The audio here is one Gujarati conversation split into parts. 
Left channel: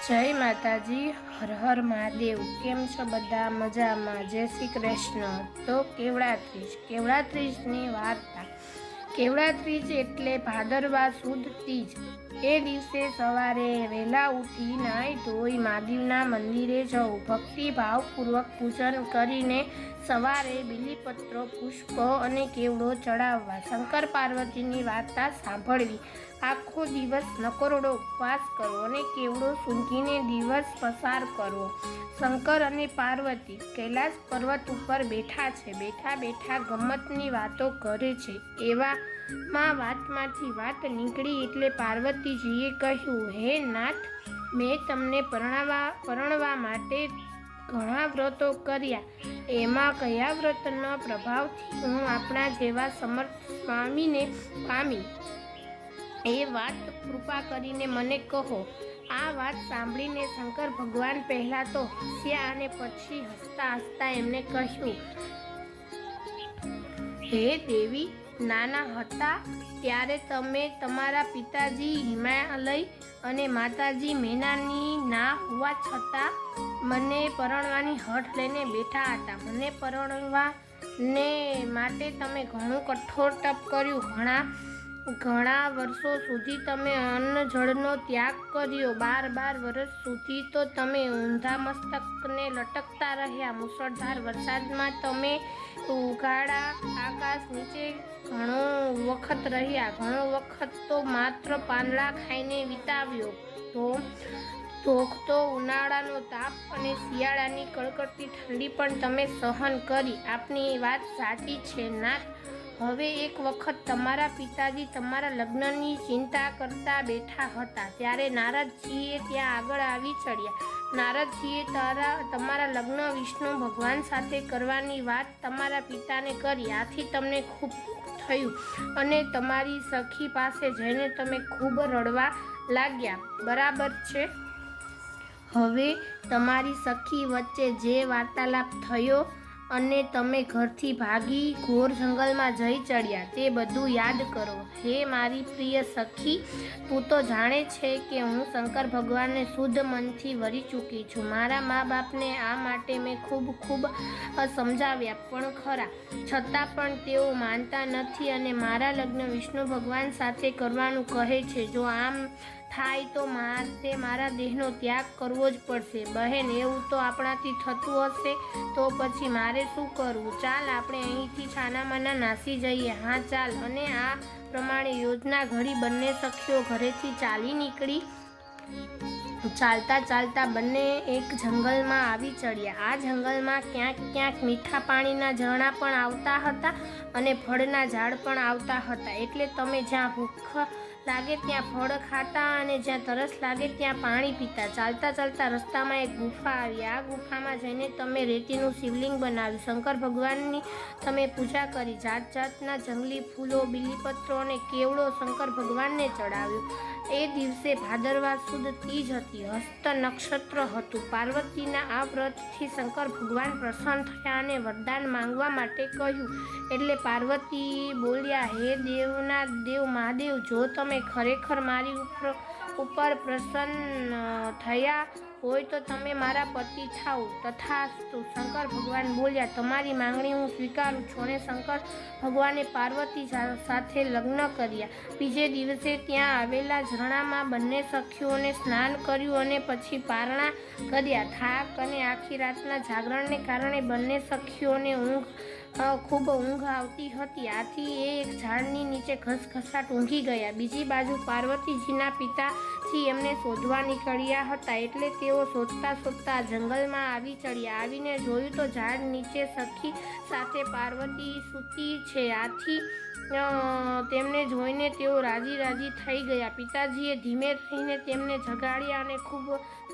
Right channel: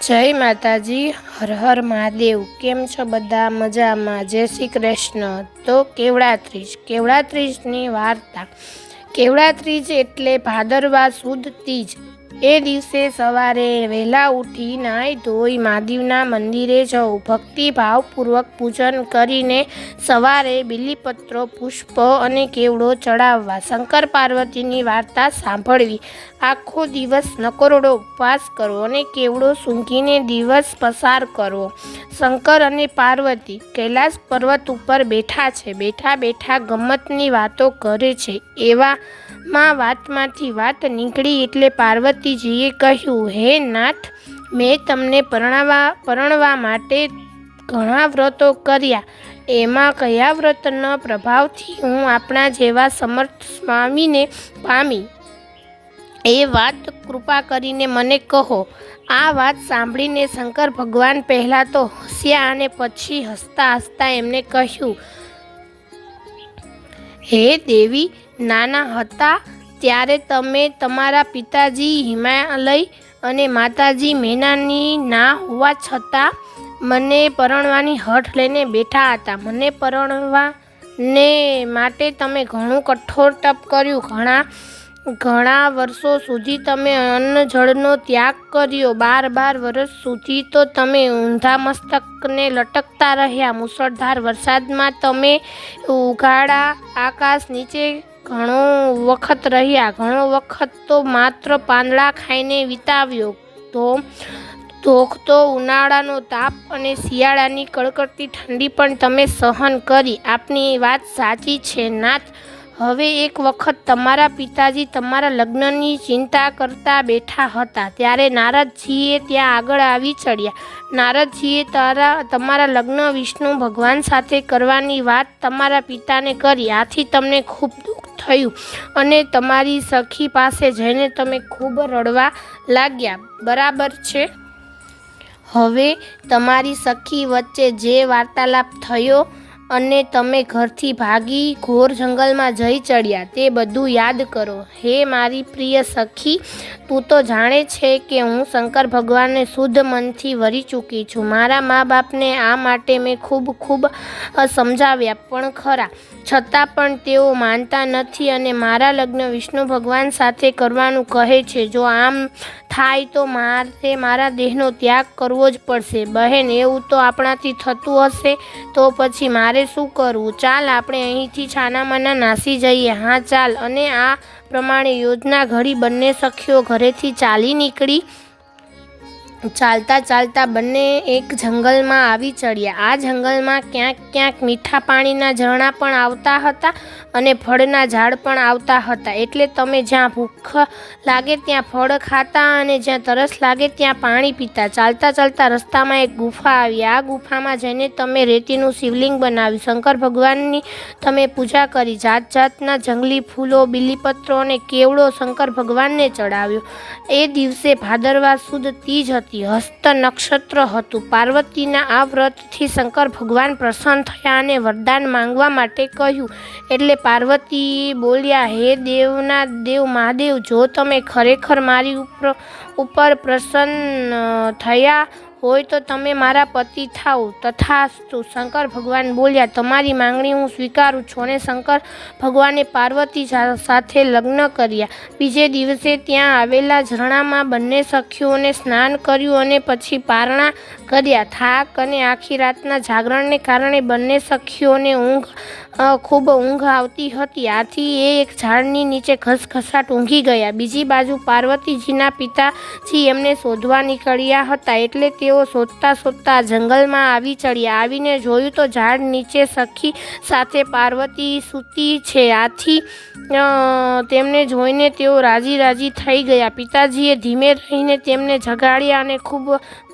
જય માતાજી, હર હર મહાદેવ। કેમ છો બધા? મજામાં? જય શ્રી કૃષ્ણ। તો કેવડા ત્રીજની વાર્તા। કેવડા ત્રીજ એટલે ભાદરવા સુદ ત્રીજ। એ દિવસે સવારે વહેલા ઉઠી નાહી ધોઈ મહાદેવના મંદિરે જવું, ભક્તિભાવપૂર્વક પૂજન કરીને સવારે બીલીપત્રો, પુષ્પ અને કેવડો ચડાવવા, શંકર પાર્વતીની વાર્તા સાંભળવી, આખો દિવસ નકોરડો ઉપવાસ કરવો અને કેવડો સૂંઘીને દિવસ પસાર કરવો। શંકર અને પાર્વતી કૈલાસ પર્વત ઉપર બેઠા છે। બેઠા બેઠા ગમ્મતની વાતો કરે છે। એવામાં વાતમાંથી વાત નીકળી એટલે પાર્વતીજીએ કહ્યું, હે નાથ, મેં તમને પરણવા માટે ઘણા વ્રતો કર્યા, એમાં કયા વ્રતના પ્રભાવથી હું આપણા જેવા સમર્થ સ્વામીને પામી, એ વાત કૃપા કરીને મને કહો। આ વાત સાંભળીને શંકર ભગવાન પહેલાં તો હસ્યા અને પછી હસતા હસતા એમને કહ્યું, હે દેવી, નાના હતા ત્યારે તમે તમારા પિતાજી હિમાલય અને માતાજી મેનાની ના હોવા છતાં મને પરણવાની હઠ લઈને બેઠા હતા। મને પરણવાને માટે તમે ઘણું કઠોર તપ કર્યું, ઘણા વર્ષો સુધી તમે અન્ન જળનો ત્યાગ કર્યો, 12 વર્ષ સુધી તો તમે ઊંધા મસ્તકને લટકતા રહ્યા, મુસળધાર વરસાદમાં તમે ઉઘાડા આકાશ નીચે ઘણો વખત રહ્યા, ઘણો વખત તો માત્ર પાંદડા ખાઈને વિતાવ્યો, ધોખતો ઉનાળાનો તાપ અને શિયાળાની કડકડતી ઠંડી પણ તમે સહન કરી। આપની વાત સાચી છે નાથ। હવે એક વખત તમારા પિતાજી તમારા લગ્નની ચિંતા કરતા બેઠા હતા ત્યારે નારદજીએ ત્યાં આગળ આવી ચડ્યા। નારદજીએ તમારા લગ્ન વિષ્ણુ ભગવાન સાથે કરવાની વાત તમારા પિતાને કરી, આથી તમને ખૂબ દુઃખ થયું અને તમારી સખી પાસે જઈને તમે ખૂબ રડવા લાગ્યા, બરાબર છે? હવે તમારી સખી વચ્ચે જે વાર્તાલાપ થયો અને તમે ઘરથી ભાગી ઘોર જંગલમાં જઈ ચડ્યા, તે બધું યાદ કરો। હે મારી પ્રિય સખી, તું તો જાણે છે કે હું શંકર ભગવાનને શુદ્ધ મનથી વરી ચૂકી છું। મારા મા બાપને આ માટે મેં ખૂબ સમજાવ્યા પણ ખરા, છતાં પણ તેઓ માનતા નથી અને મારા લગ્ન વિષ્ણુ ભગવાન સાથે કરવાનું કહે છે। જો આમ થાય તો મારે મારા દેહનો ત્યાગ કરવો જ પડશે। બહેન, એવું તો આપણાથી થતું હશે તો પછી મારે શું કરવું? ચાલ, આપણે અહીંથી છાનામાના નાસી જઈએ। હા, ચાલ। અને આ પ્રમાણે યોજના ઘડી બંને સખીઓ ઘરેથી ચાલી નીકળી। ચાલતા ચાલતા બંને એક જંગલમાં આવી ચડ્યા। આ જંગલમાં ક્યાંક ક્યાંક મીઠા પાણીના ઝરણા પણ આવતા હતા અને ફળના ઝાડ પણ આવતા હતા, એટલે તમે જ્યાં ભૂખ લાગે ત્યાં ફળ ખાતા અને જ્યાં તરસ લાગે ત્યાં પાણી પીતા। ચાલતા ચાલતા રસ્તામાં એક ગુફા આવી। આ ગુફામાં જઈને તમે રેતીનું શિવલિંગ બનાવ્યું, શંકર ભગવાનની તમે પૂજા કરી, જાત જાતના જંગલી ફૂલો, બીલીપત્રો અને કેવડો શંકર ભગવાનને ચડાવ્યો। એ દિવસે ભાદરવા સુદ ત્રીજ હતી, હસ્ત નક્ષત્ર હતું। પાર્વતીના આ વ્રતથી શંકર ભગવાન પ્રસન્ન થયા અને વરદાન માંગવા માટે કહ્યું, એટલે પાર્વતી બોલ્યા, હે દેવના દેવ મહાદેવ, જો તમે ખરેખર મારી ઉપર પ્રસન્ન થયા હોય તો તમે મારા પતિ થાઓ, તથાસ્તુ। શંકર ભગવાન બોલ્યા, તમારી માંગણી હું સ્વીકારું છું અને શંકર ભગવાને પાર્વતી સાથે લગ્ન કર્યા। બીજે દિવસે ત્યાં આવેલા ઝરણામાં બંને સખીઓને સ્નાન કર્યું અને પછી પારણા કર્યા। થાક અને આખી રાતના જાગરણને કારણે બંને સખીઓને ખૂબ ઊંઘ આવતી હતી, આથી એ એક ઝાડની નીચે ઘસઘસાટ ઊંઘી ગયા। બીજી બાજુ પાર્વતીજીના પિતાજી એમને શોધવા નીકળ્યા હતા, એટલે તેઓ શોધતા શોધતા જંગલમાં આવી ચડ્યા। આવીને જોયું તો ઝાડ નીચે સખી સાથે પાર્વતી સૂતી છે, આથી તેમને જોઈને તેઓ રાજી થઈ ગયા। પિતાજીએ ધીમે રહીને તેમને જગાડ્યા અને ખૂબ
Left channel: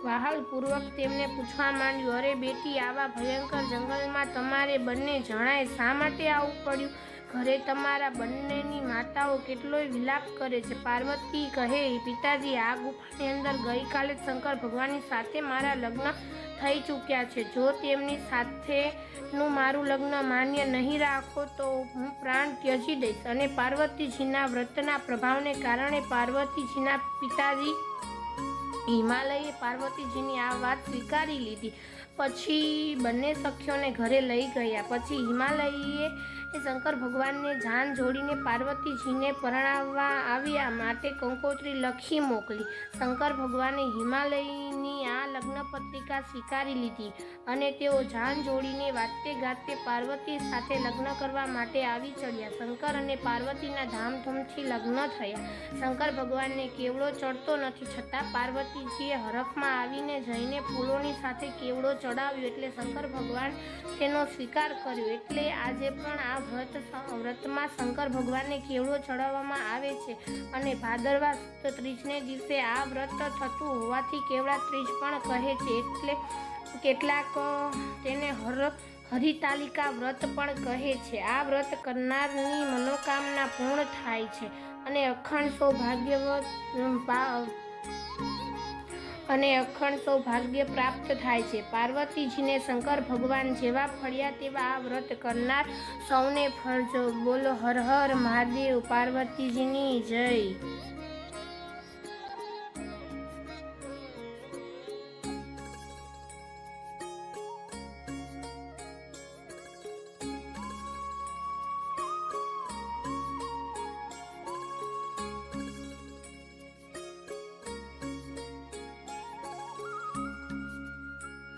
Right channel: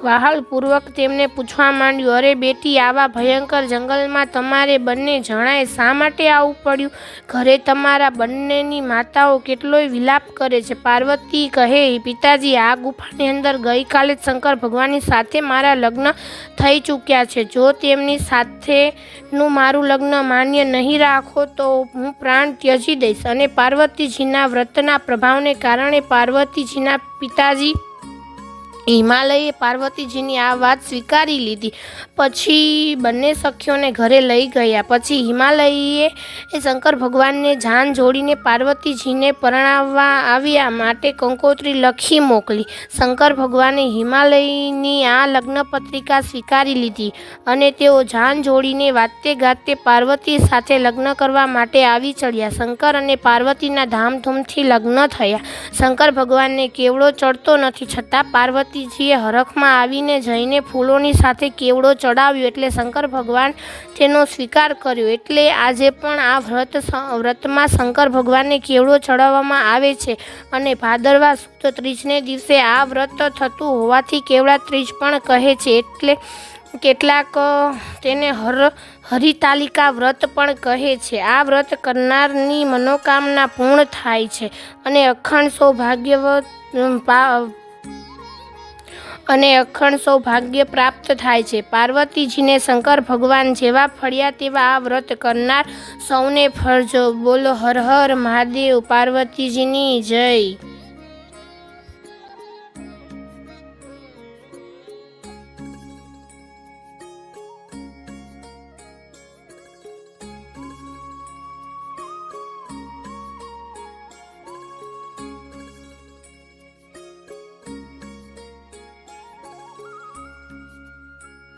વહાલપૂર્વક તેમને પૂછવા માંડ્યું, અરે બેટી, આવા ભયંકર જંગલમાં તમારે બંને જણાએ શા માટે આવવું પડ્યું? ઘરે તમારા બંનેની માતાઓ કેટલોય વિલાપ કરે છે। પાર્વતી કહે, પિતાજી, આ ગુફાની અંદર ગઈકાલે જ શંકર ભગવાનની સાથે મારા લગ્ન થઈ ચૂક્યા છે। જો તેમની સાથેનું મારું લગ્ન માન્ય નહીં રાખો તો હું પ્રાણ ત્યજી દઈશ। અને પાર્વતીજીના વ્રતના પ્રભાવને કારણે પાર્વતીજીના પિતાજી હિમાલયે પાર્વતીજીની આ વાત સ્વીકારી લીધી. પછી બંને સખીઓને ઘરે લઈ ગયા. પછી હિમાલયે શંકર ભગવાનને જાન જોડીને પાર્વતીજીને પરણાવવા આવ્યા માટે કંકોત્રી લખી મોકલી. શંકર ભગવાને હિમાલયની આ લગ્ન પત્રિકા સ્વીકારી લીધી અને તેઓ જાન જોડીને વાતે ગાતે પાર્વતી સાથે લગ્ન કરવા માટે આવી ચડ્યા. શંકર અને પાર્વતીના ધામધૂમથી લગ્ન થયા. શંકર ભગવાનને કેવડો ચડતો નથી, છતાં પાર્વતીજીએ હરખમાં આવીને જઈને ફૂલોની સાથે કેવડો ચડાવ્યો એટલે શંકર ભગવાન તેનો સ્વીકાર કર્યો. એટલે આજે પણ આ વ્રતમાં શંકર ભગવાનને કેવડો ચડાવવામાં આવે છે અને ભાદરવા સુદ ત્રીજને દિવસે આ વ્રત થતું હોવાથી કેવડા ત્રીજ પણ કહે છે. એટલે કેટલાક તેને હરિતાલિકા વ્રત પણ કહે છે. આ વ્રત કરનારની મનોકામના પૂર્ણ થાય છે અને અખંડ સૌભાગ્ય પ્રાપ્ત થાય છે. પાર્વતીજીને શંકર ભગવાન જેવા ફળ્યા તેવા આ વ્રત કરનાર સૌને ફળજો. બોલો હર હર મહાદેવ. પાર્વતીજીની જય.